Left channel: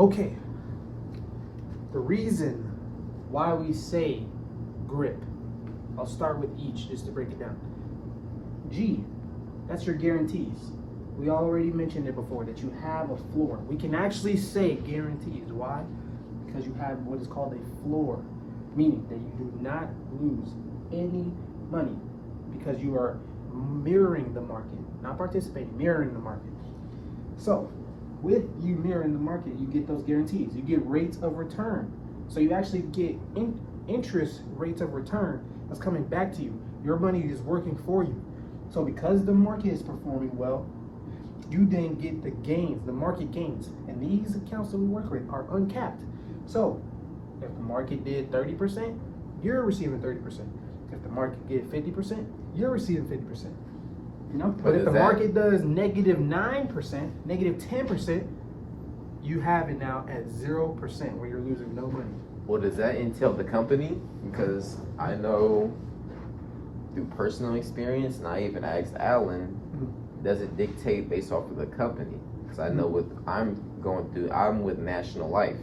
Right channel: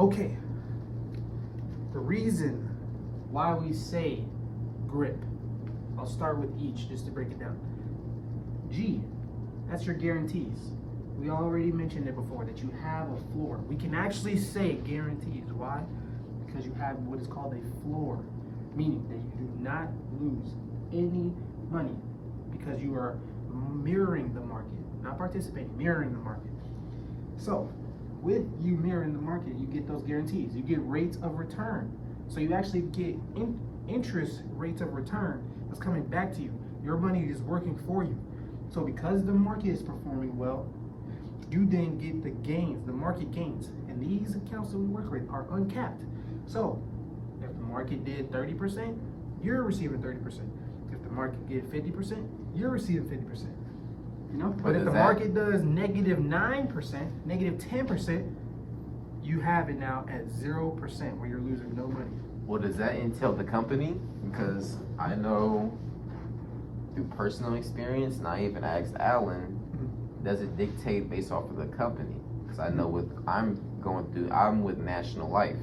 Okay. The reason why we say grip, I'll start with each just to break it down. G, that's your guarantees. We already mentioned it before that you have a floor. We can actually say guarantees. Why? Because you have what is called a floor, meaning that you do not lose any money because you are mirroring the market, not participating, mirroring the market. So with you mirroring the market, you get those guarantees. You get rates of return. So you actually get interest rates of return that's coming back to you. Your money is working for you. So because the market is performing well, you then get the gains, the market gains. And these accounts that we work with are uncapped. So if the market did 30%, you're receiving 30%. If the market did 50%, you're receiving 50%. You know? But if the market does -9%, -10%, you have it now at 0% where you're losing no money. Well, does that entail the company? Because I know through personal experience, and I even asked Alan, it doesn't dictate based off of the company. Because I know with I'm with National Life.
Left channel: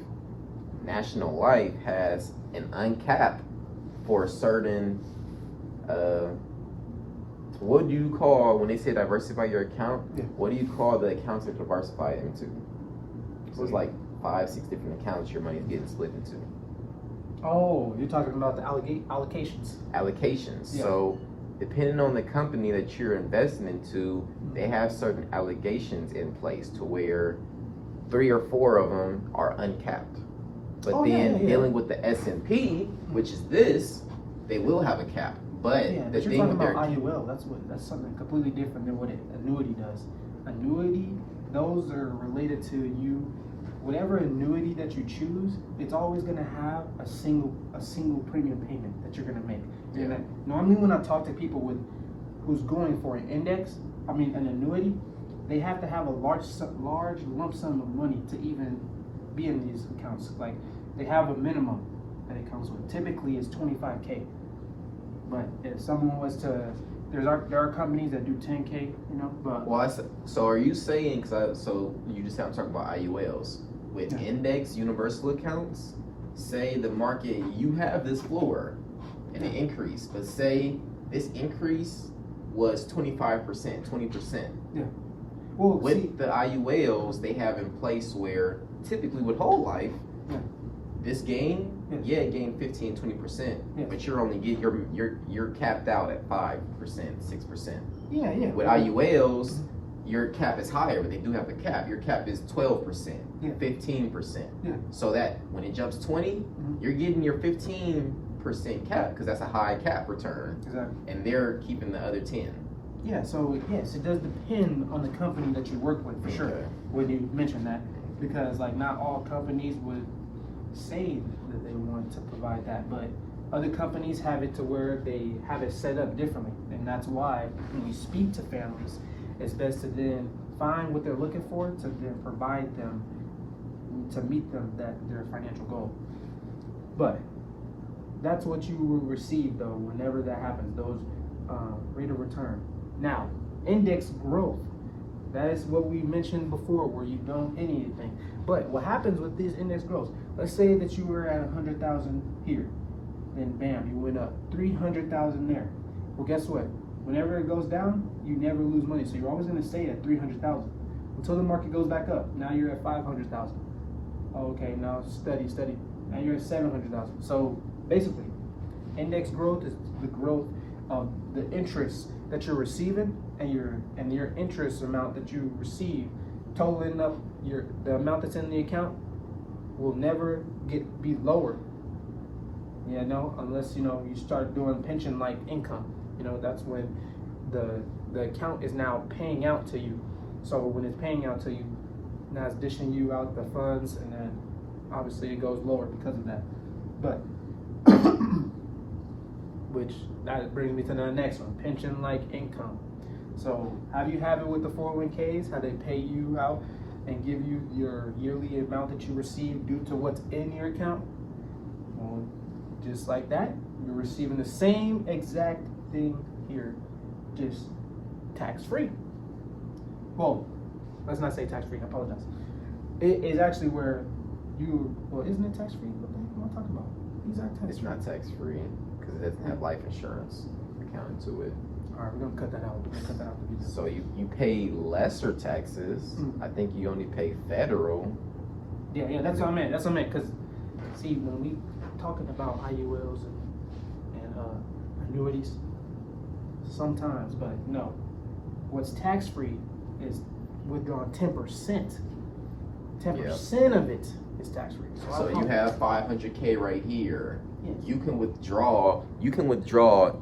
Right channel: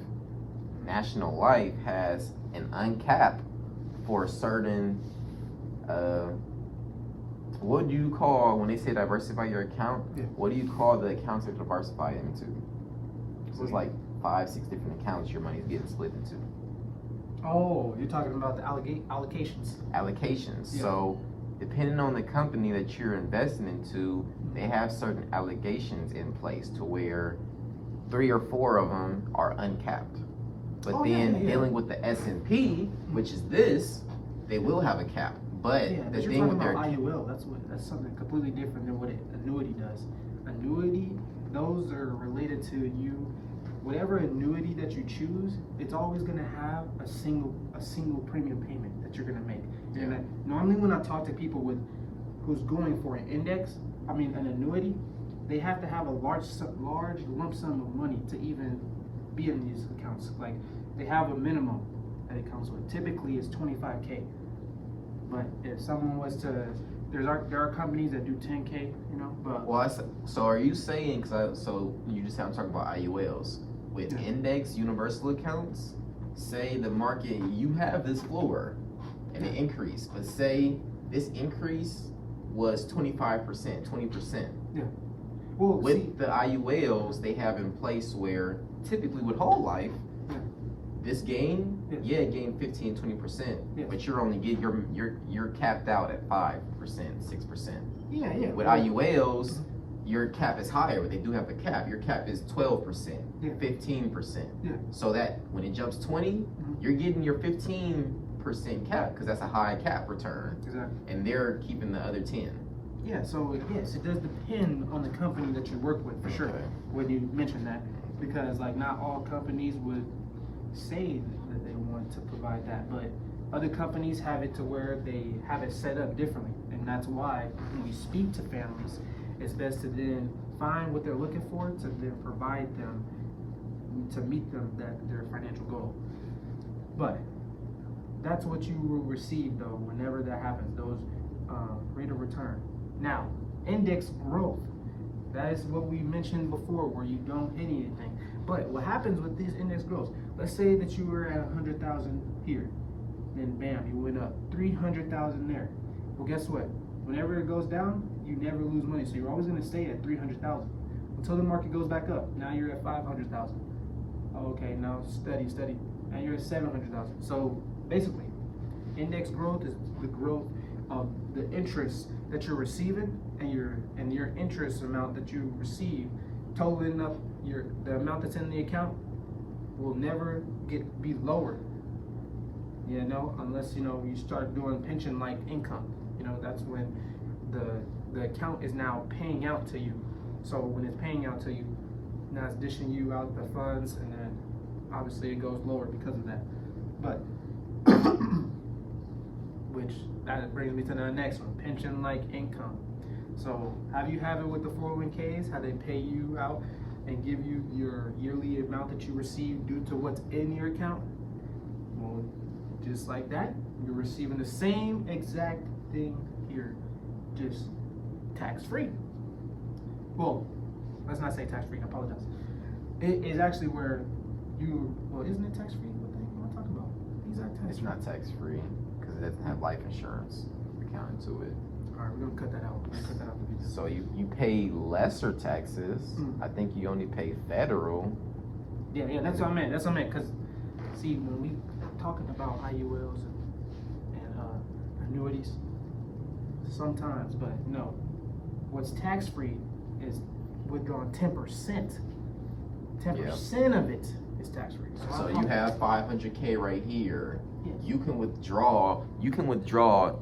National Life has an uncapped for a certain, what do you call, when they say diversify your account, what do you call the accounts to diversify into? So it's like 5-6 different accounts your money's getting split into. Oh, you're talking about the allocations. Allocations. Yeah. So depending on the company that you're investing into, they have certain allocations in place to where 3 or 4 of them are uncapped. But dealing with the S&P, which is this, they will have a cap. But the you're thing talking with about IUL, that's something completely different than what an annuity does. Annuity, those are related to you. Whatever annuity that you choose, it's always going to have a single premium payment that you're going to make. And normally when I talk to people who's going for an an annuity, they have to have a large lump sum of money to even be in these accounts. Like they have a minimum that it comes with. Typically it's 25K. But if someone was to, there are companies that do 10K, you know. But so are you saying? So you just I'm talking about IULs with index universal accounts. Say the market, you have this floor and an increase, but say this increase was 25%, 20%. Yeah. Well, with the IULs, they have in place where typically with whole life, this gain. Yeah, it gained 15-20%, but you're only you're capped out at 5%, 6%. Yeah. With IULs, your cap is higher, but they do have a cap. Your cap is 12%, 15%. Yeah. So that when it jumps 20, you're getting your 15% cap because that's a high cap return. Exactly. And they're keeping the other 10. Yeah. So yes, it does depend on the company that you work with for sure. When you mention that, because like not all companies would say that they want to provide that, but other companies have it to where they have it set up differently, and that's why when we speak to families, it's best to then find what they're looking for to then provide them to meet them their financial goal. But that's what you will receive though whenever that happens, those rate of return. Now, index growth, that is what we mentioned before, where you don't pay anything. But what happens with these index growths, let's say that you were at 100,000 here, then bam, you went up 300,000 there. Well, guess what? Whenever it goes down, you never lose money. So you're always going to stay at 300,000 until the market goes back up. Now you're at 500,000. Okay, now steady. Now you're at 700,000. So basically, index growth is the growth of the interest that you're receiving and your interest amount that you receive, totaling up the amount that's in the account will never be lower. Unless you start doing pension like income. That's when the account is now paying out to you. So when it's paying out to you, now it's dishing you out the funds, and then obviously it goes lower because of that. But which that brings me to the next one, pension like income. So how do you have it with the 401ks? How they pay you out and give you your yearly amount that you receive due to what's in your account? Well, just like that, you're receiving the same exact thing here, just tax-free. Well, let's not say tax-free, I apologize. It is actually where well, isn't it tax free? What the heck am I talking about? Exact tax. It's not tax free because it doesn't have life insurance accounted to it. All right, we're gonna cut that out. We're gonna cut that out the video. So you pay lesser taxes. I think you only pay federal. Yeah, that's what I meant. That's what I meant. Cause see, when we talking about IULs and annuities, sometimes, but no, what's tax free is withdrawing 10%. 10% of it is tax free. So you have 500K right here. Yes. You can withdraw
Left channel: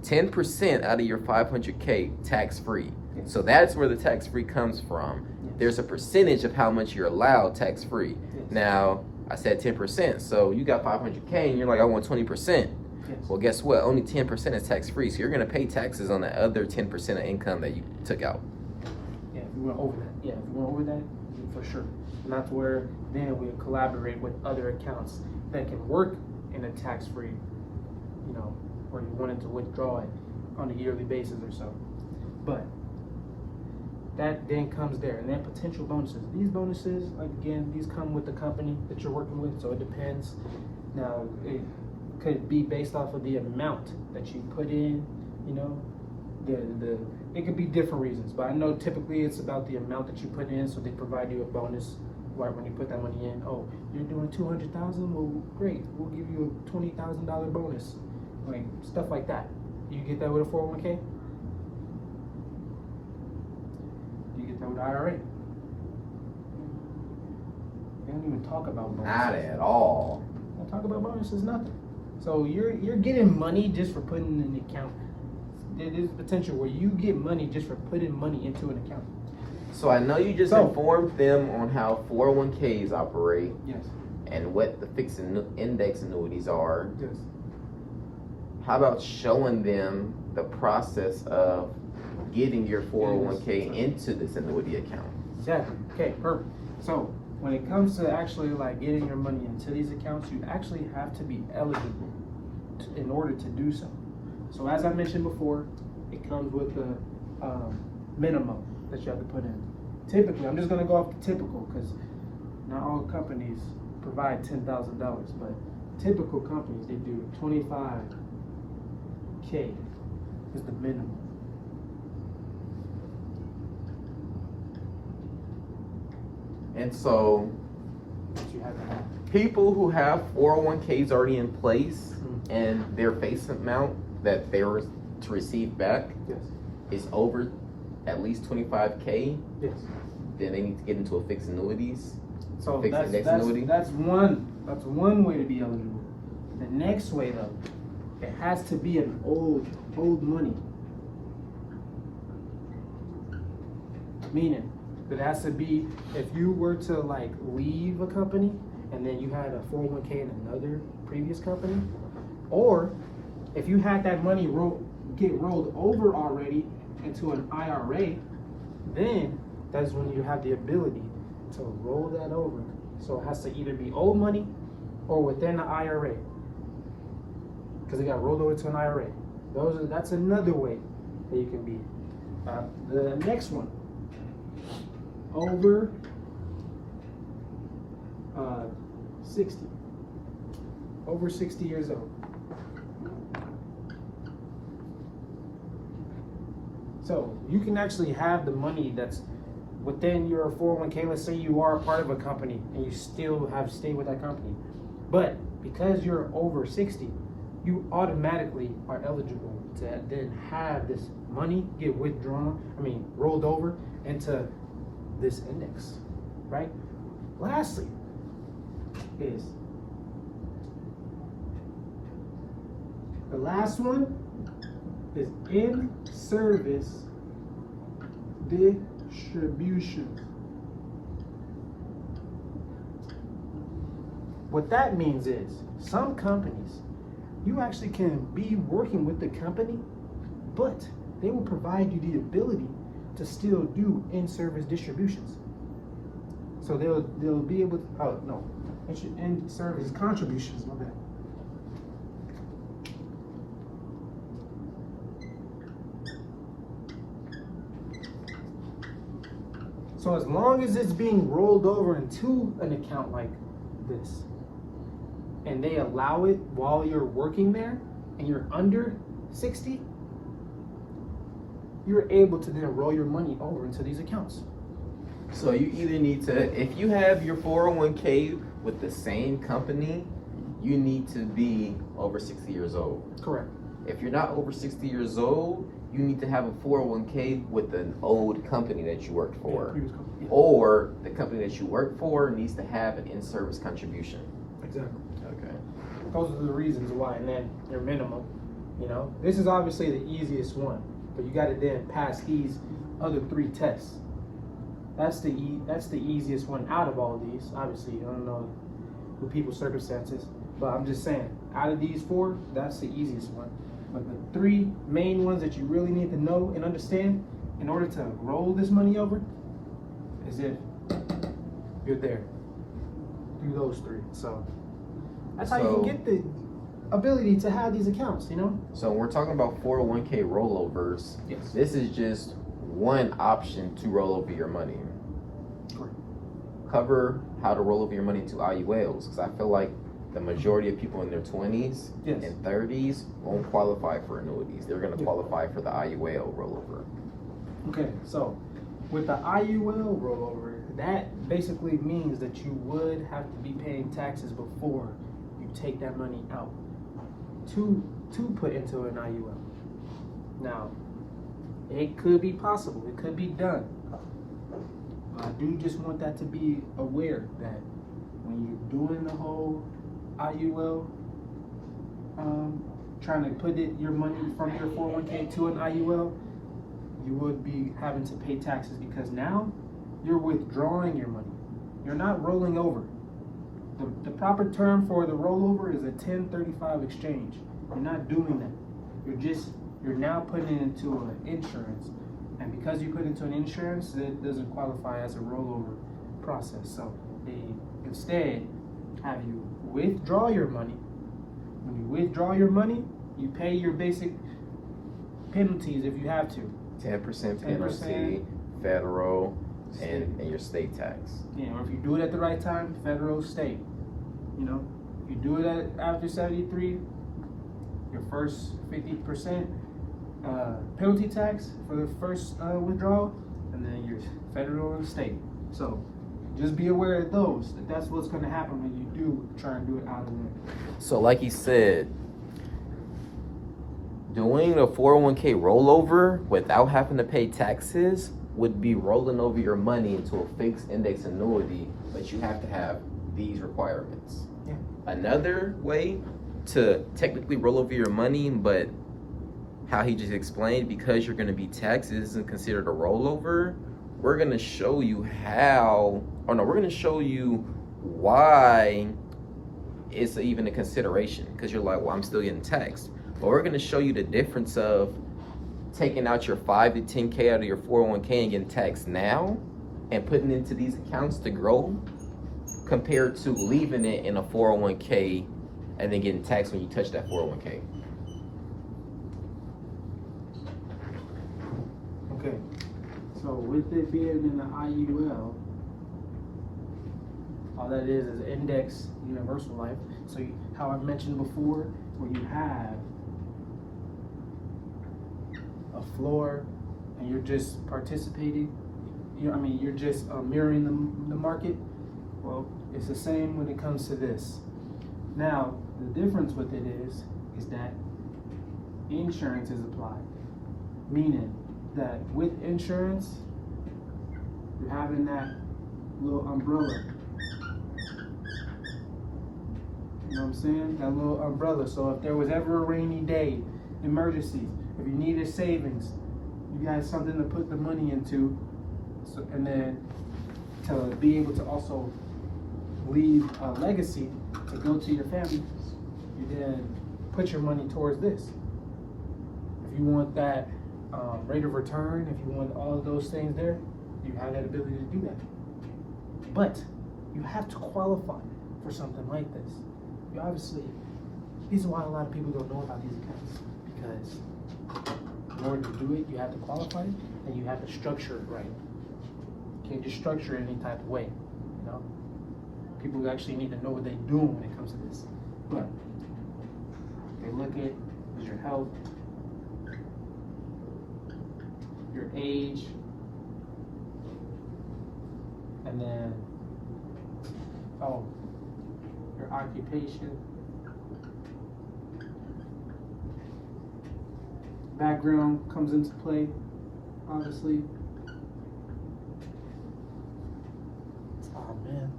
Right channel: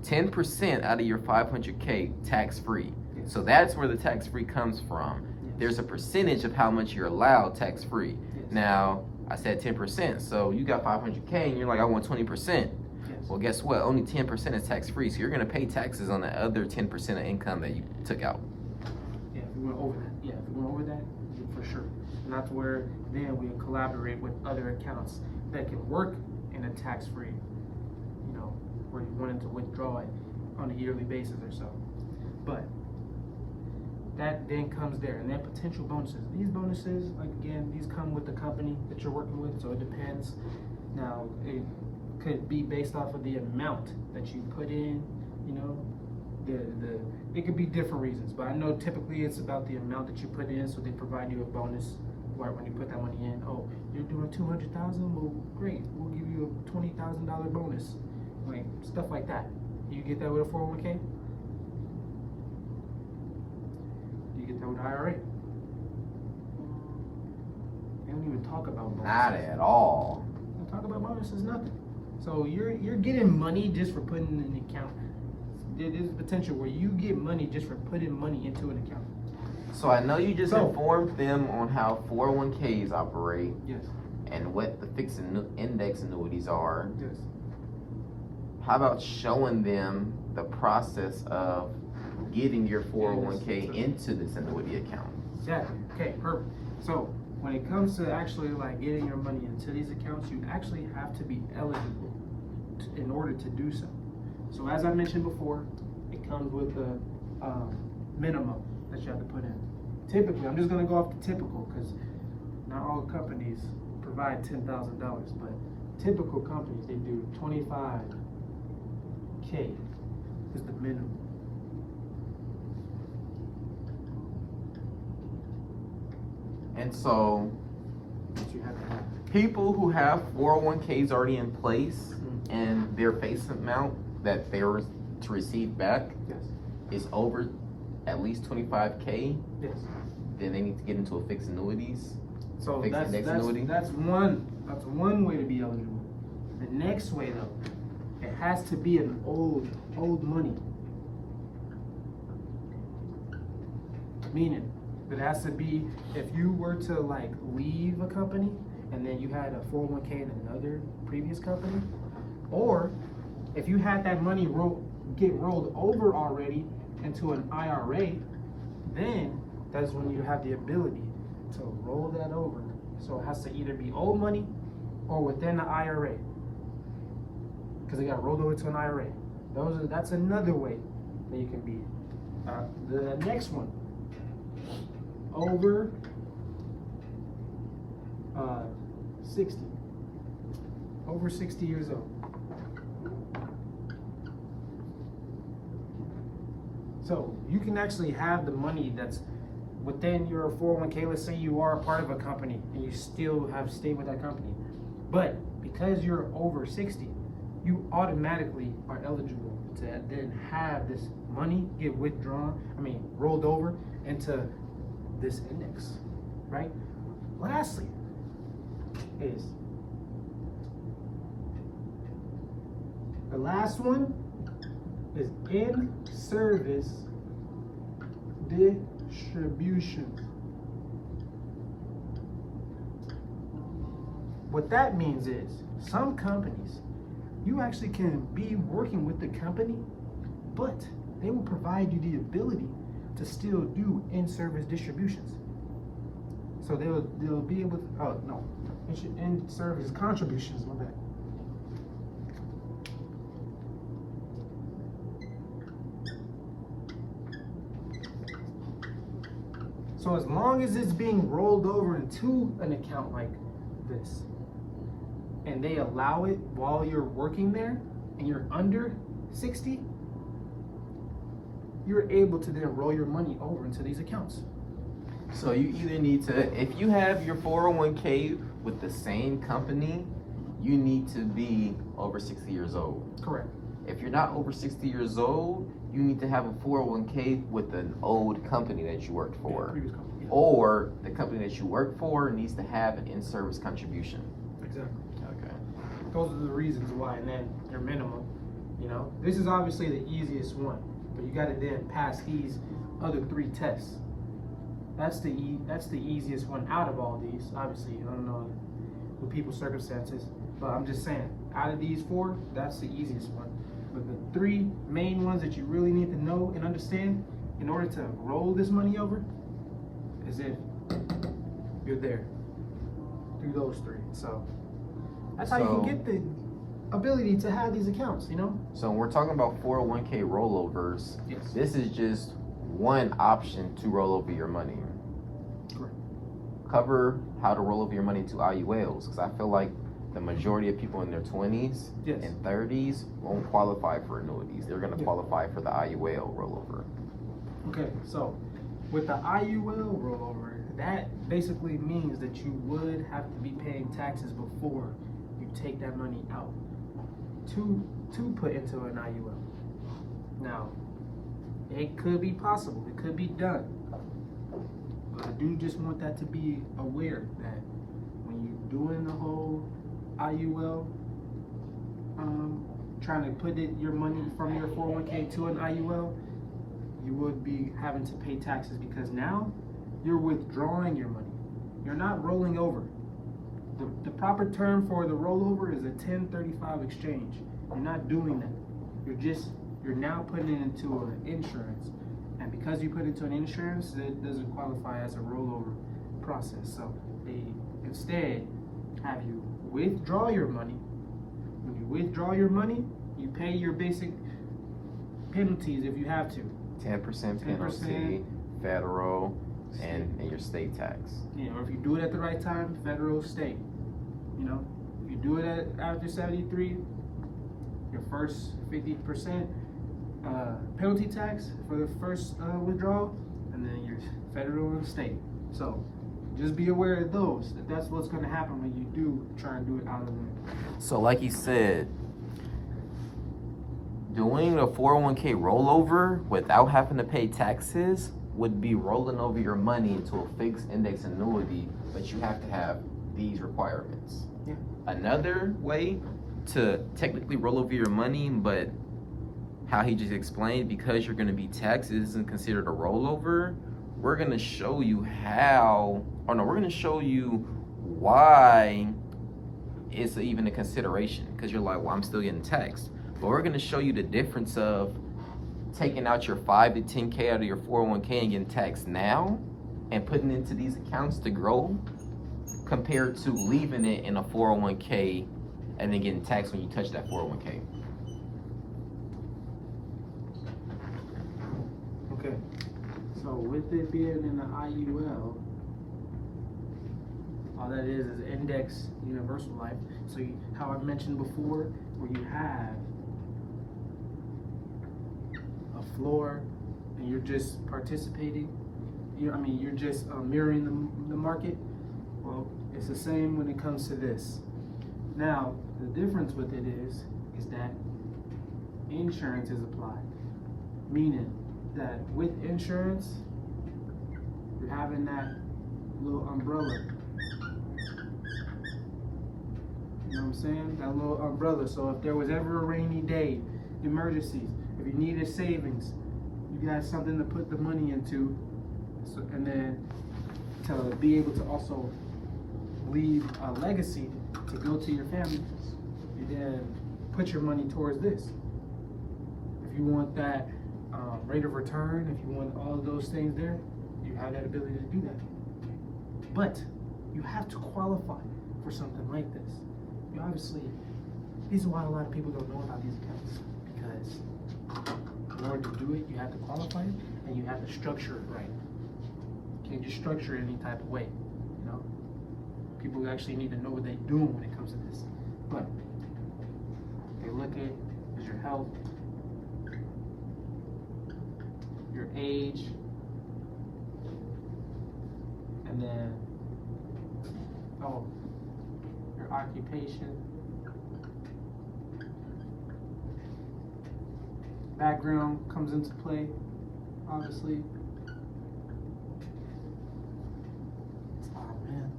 10% out of your 500K tax free. Yes. So that's where the tax free comes from. Yes. There's a percentage of how much you're allowed tax free. Yes. Now, I said 10%. So you got 500K and you're like, I want 20%. Yes. Well, guess what? Only 10% is tax free. So you're going to pay taxes on the other 10% of income that you took out. Yeah, if you went over that. Yeah, if you went over that, yeah, for sure. And that's where then we collaborate with other accounts that can work in a tax-free, you know, where you wanted to withdraw it on a yearly basis or so. But that then comes there, and then potential bonuses. These bonuses, like again, these come with the company that you're working with, so it depends. Now, it could be based off of the amount that you put in, you know. It could be different reasons, but I know typically it's about the amount that you put in, so they provide you a bonus right when you put that money in. Oh, you're doing 200,000? Well, great, we'll give you a $20,000 bonus, like stuff like that. You get that with a 401k? You get that with IRA? They don't even talk about bonuses. Not at all. They don't talk about bonuses, nothing. So you're getting money just for putting in an account. There's potential where you get money just for putting money into an account. So I know you just informed them on how 401ks operate. Yes. And what the fixed index annuities are. Yes. How about showing them the process of getting your 401k into this annuity account? Exactly. Okay, perfect. So when it comes to actually like getting your money into these accounts, you actually have to be eligible in order to do so. So as I mentioned before, it comes with a minimum that you have to put in. Typically, I'm just gonna go off the typical because not all companies provide $10,000, but typical companies, they do 25K is the minimum. And so You have to have. people who have 401ks already in place and their face amount that they were to receive back Yes. is over at least 25K, Yes. then they need to get into a fixed annuities. So Fixed index annuity? that's one way to be eligible. The next way though, it has to be an old money. Meaning, it has to be, if you were to like leave a company and then you had a 401k in another previous company, or if you had that money get rolled over already into an IRA, then that's when you have the ability to roll that over. So it has to either be old money or within the IRA, because it got rolled over to an IRA. That's another way that you can be. The next one, over 60, over 60 years old. So you can actually have the money that's within your 401k. Let's say you are a part of a company and you still have stayed with that company, but because you're over 60, you automatically are eligible to then have this money get rolled over into this index, right? Lastly is the last one is in-service distributions. What that means is some companies, you actually can be working with the company, but they will provide you the ability to still do in-service distributions. So they'll be able to, in-service contributions, my bad. So as long as it's being rolled over into an account like this, and they allow it while you're working there, and you're under 60, you're able to then roll your money over into these accounts. So you either need to, if you have your 401k with the same company, you need to be over 60 years old. Correct. If you're not over 60 years old, you need to have a 401k with an old company that you worked for. Previous company. Yeah. Or the company that you work for needs to have an in-service contribution. Exactly. Okay. Those are the reasons why, and then your minimum. This is obviously the easiest one, but you got to then pass these other 3 tests. That's the easiest one out of all these. Obviously, I don't know with people's circumstances, but I'm just saying, out of these 4, that's the easiest one. But the 3 main ones that you really need to know and understand in order to roll this money over is if you're there through those 3. So that's how you can get the ability to have these accounts, So when we're talking about 401k rollovers, Yes. this is just one option to roll over your money. Correct. Cover how to roll over your money into IULs, because I feel like the majority of people in their 20s Yes. and 30s won't qualify for annuities. They're going to Yeah. qualify for the IUL rollover. Okay, so with the IUL rollover, that basically means that you would have to be paying taxes before you take that money out to put into an IUL. Now, it could be possible, it could be done. I do just want that to be aware that when you're doing the whole IUL, trying to put your money from your 401k to an IUL, you would be having to pay taxes because now you're withdrawing your money. You're not rolling over. The proper term for the rollover is a 1035 exchange. You're not doing that. You're now putting it into an insurance. And because you put it into an insurance, it doesn't qualify as a rollover process. So they instead have you withdraw your money. When you withdraw your money, you pay your basic penalties if you have to. 10% penalty, 10%. federal, and your state tax. Or if you do it at the right time, federal, state. If you do it after 73, your first 50% penalty tax for the first withdrawal, and then your federal and state. So just be aware of those. That's what's going to happen when you do try and do it out of the room. So like you said, doing a 401k rollover without having to pay taxes would be rolling over your money into a fixed index annuity, but you have to have these requirements. Yeah. Another way to technically roll over your money, but how he just explained, because you're going to be taxed, it isn't considered a rollover. We're going to show you we're going to show you why it's even a consideration, because you're like, well, I'm still getting taxed. But we're going to show you the difference of taking out your 5 to 10K out of your 401k and getting taxed now and putting it into these accounts to grow, compared to leaving it in a 401k and then getting taxed when you touch that 401k. Okay. So with it being in the IUL, all that is index universal life. So how I mentioned before, where you have a floor and you're just participating, you're just mirroring the market. Well, it's the same when it comes to this. Now, the difference with it is that insurance is applied, meaning that with insurance, you're having that little umbrella. You know what I'm saying? That little umbrella. So if there was ever a rainy day, emergencies, if you needed savings, you got something to put the money into, and then to be able to also leave a legacy to go to your family, you then put your money towards this. If you want that rate of return, if you want all of those things there, you have that ability to do that. But you have to qualify for something like this. You obviously, this is why a lot of people don't know about these accounts, because in order to do it, you have to qualify it and you have to structure it right. You can't just structure it any type of way, People actually need to know what they're doing when it comes to this. But they look at is your health, your age, and then your occupation, background comes into play, obviously. Oh man.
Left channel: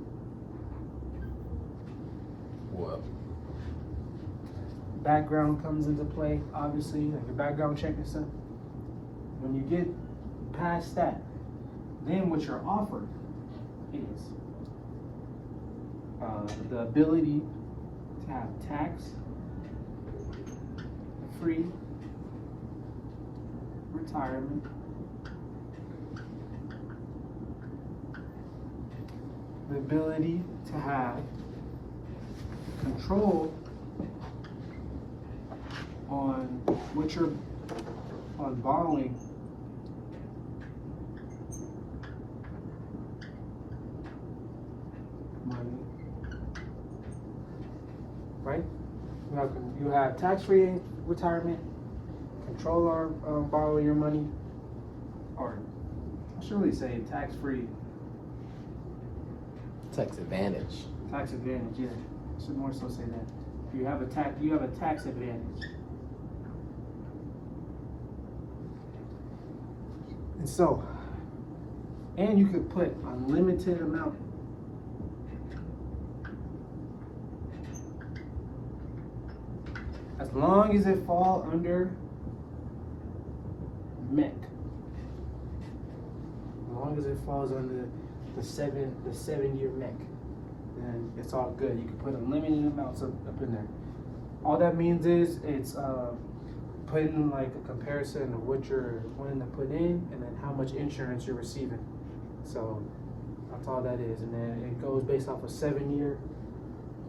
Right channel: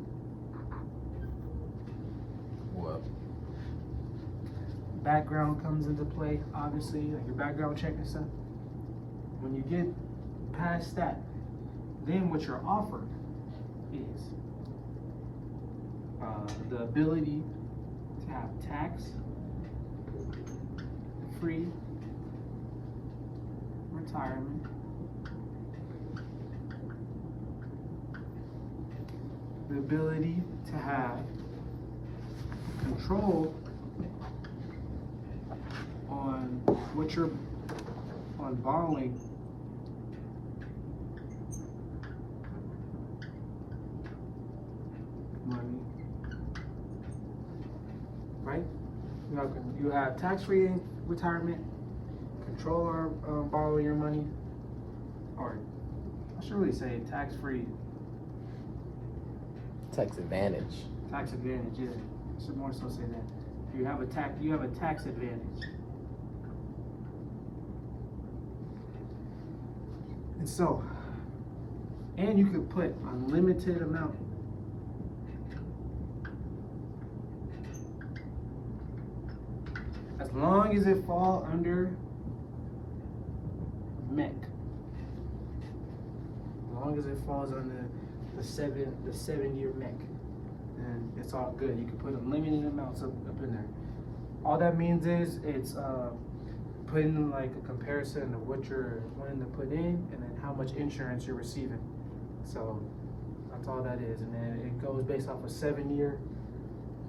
What? Background comes into play, obviously, like the background check and stuff. When you get past that, then what you're offered is the ability to have tax-free retirement, the ability to have control on what you're on borrowing money, right? You have tax-free retirement, control on borrowing your money, or I should really say tax-free. Tax advantage. Tax advantage, yeah. I should more so say that. You have a tax advantage. And so, and you could put unlimited amount. As long as it fall under MEC. As long as it falls under the 7-year MEC, then it's all good. You can put unlimited amounts up in there. All that means is it's putting like a comparison of what you're wanting to put in and then how much insurance you're receiving. So that's all that is. And then it goes based off a 7-year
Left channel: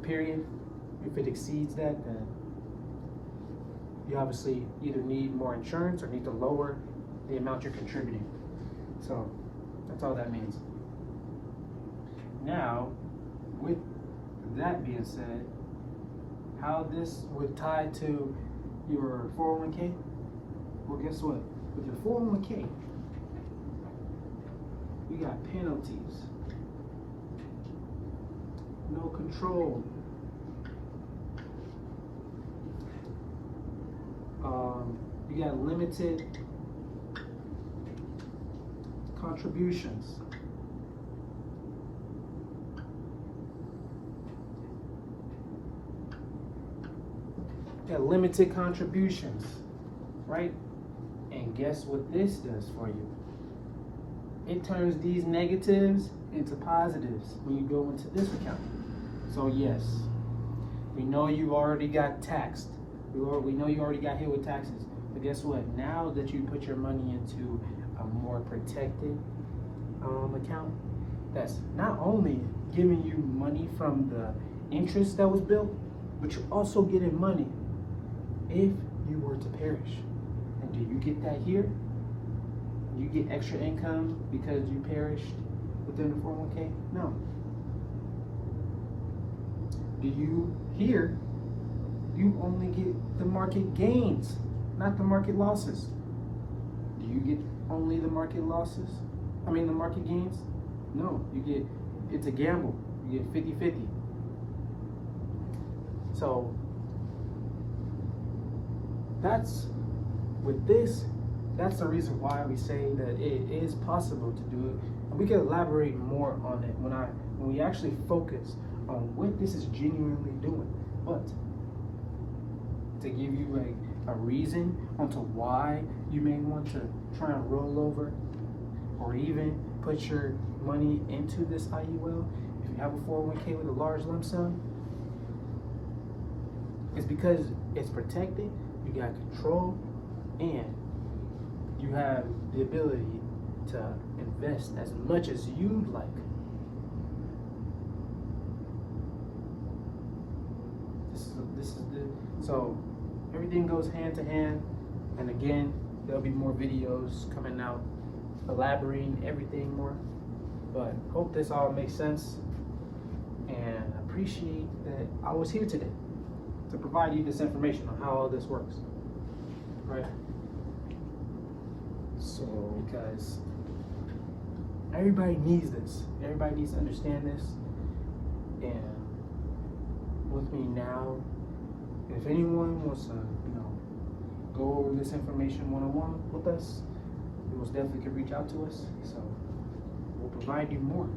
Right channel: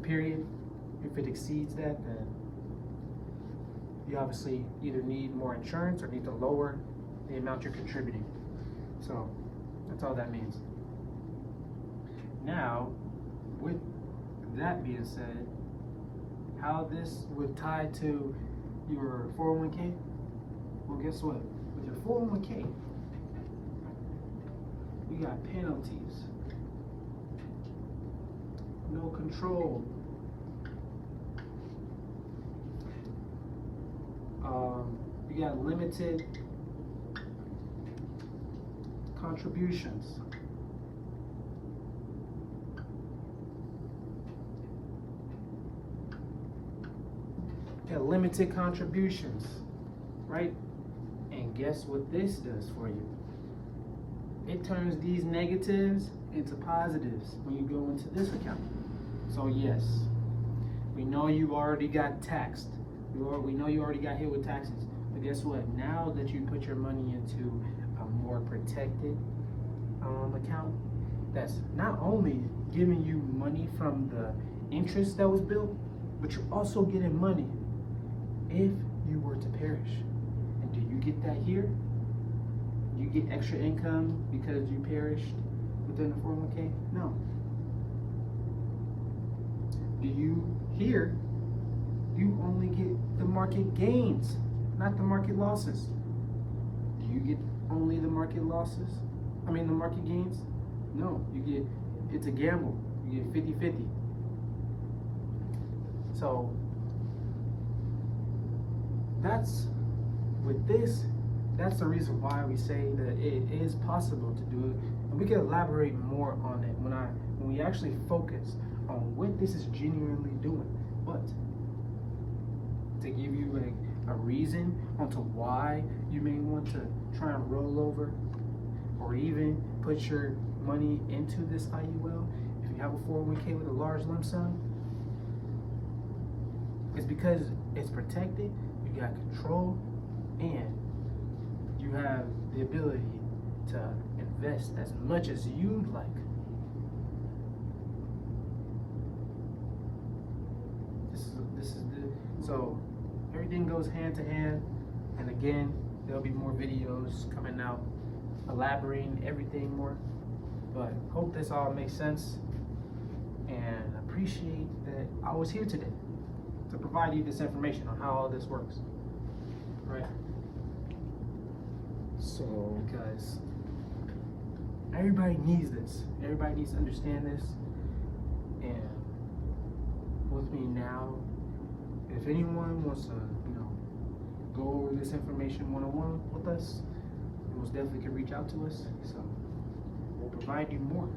period. If it exceeds that, then you obviously either need more insurance or need to lower the amount you're contributing. So that's all that means. Now, with that being said, how this would tie to your 401k? Well, guess what? With your 401k, you got penalties, no control, you got limited contributions. Yeah, limited contributions, right? And guess what this does for you? It turns these negatives into positives when you go into this account. So yes, we know you already got taxed. We know you already got hit with taxes. But guess what? Now that you put your money into a more protected account, that's not only giving you money from the interest that was built, but you're also getting money if you were to perish. And do you get that here? Do you get extra income because you perish within the 401k? No. Do you here? You only get the market gains, not the market losses. Do you get only the market losses? I mean the market gains? No, you get, it's a gamble. You get 50-50. So that's with this, that's the reason why we say that it is possible to do it. And we can elaborate more on it when we actually focus on what this is genuinely doing. But to give you a reason onto why you may want to try and roll over or even put your money into this IUL, if you have a 401k with a large lump sum, it's because it's protected, you got control, and you have the ability to invest as much as you'd like. This is the, so everything goes hand to hand, and again, there'll be more videos coming out elaborating everything more, but hope this all makes sense. and I appreciate that I was here today to provide you this information on how all this works, right? So, because everybody needs this, everybody needs to understand this, and with me now, if anyone wants to, go over this information one-on-one with us, you most definitely can reach out to us. So we'll provide you more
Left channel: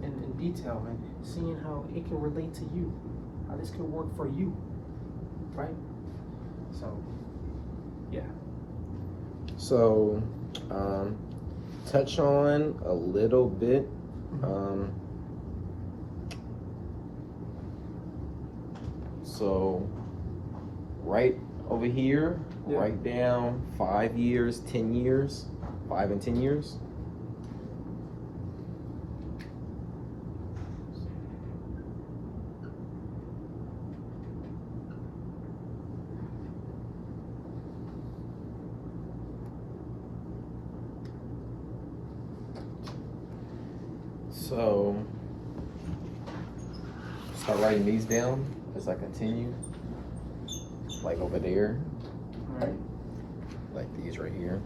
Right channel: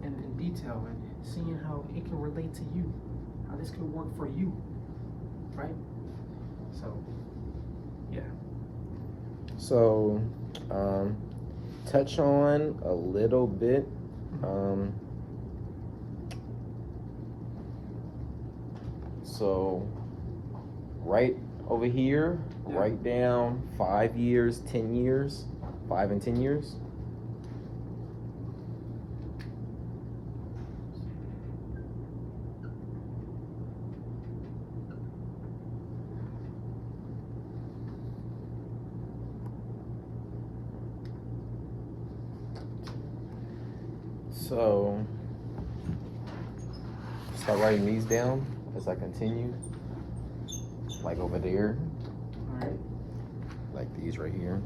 in detail and seeing how it can relate to you, how this can work for you, right? So, yeah. So, touch on a little bit. So, right over here, write down 5 years, 10 years, 5 and 10 years. So, start writing these down as I continue. Like over there. All right. Like these right here.